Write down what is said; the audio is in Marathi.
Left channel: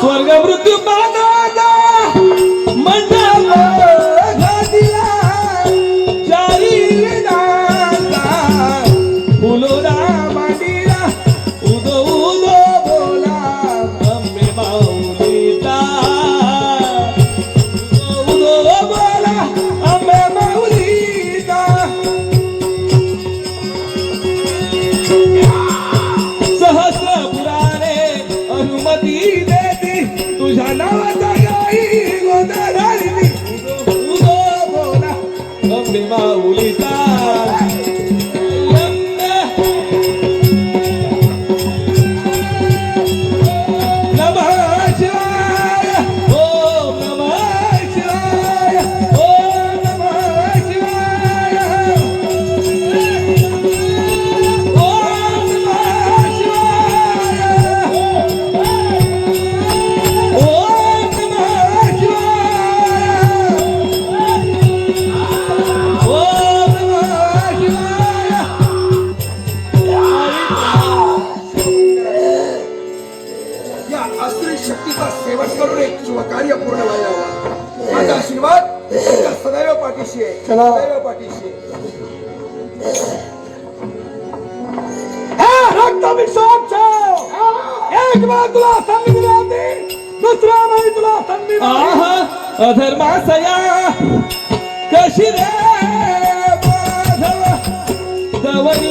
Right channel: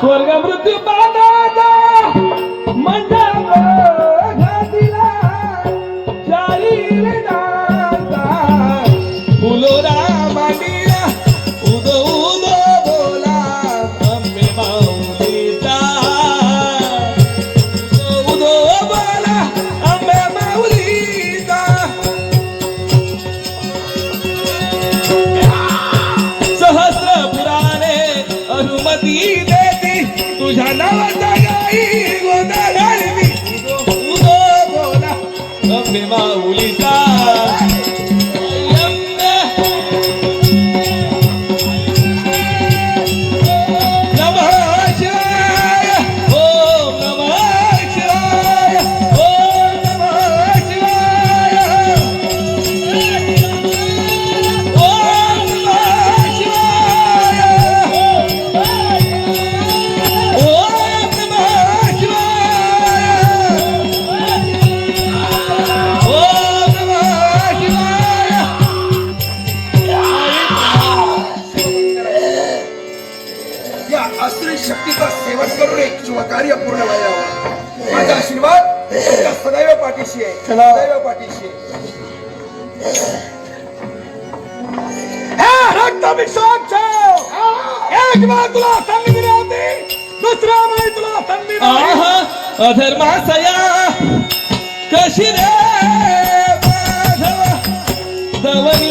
स्वर्ग मृत्यू पाताळाचा मंडप घातिला चारी वेदांचा फुलोरा मांडीला उदो उदो बोला अंबे माऊलीचा उदो बोला अंबे माऊलीचा सहस्र पुराणे अनुमती देती तुझ्या नावाचा गाई गोदा घालती उदो बोला अंबे माऊलीचा नमः शिवाय ओम नमः शिवाय ओम नमः शिवाय ओम नमः शिवाय ओम नमः या अस्त्री शक्तीचा सेवन करून एक शुभ कार्य पूर्ण व्हावं. माझा आशीर्वाद तुमच्या सदैव पाठीशी आहे, सदैव पाठीशी आहे. रक्ताभिषेक छो एक बार तुला संधी दिली होती दुसऱ्या वेळी तुला संधी दिली अधर्मासया कशी रे माधव दवनी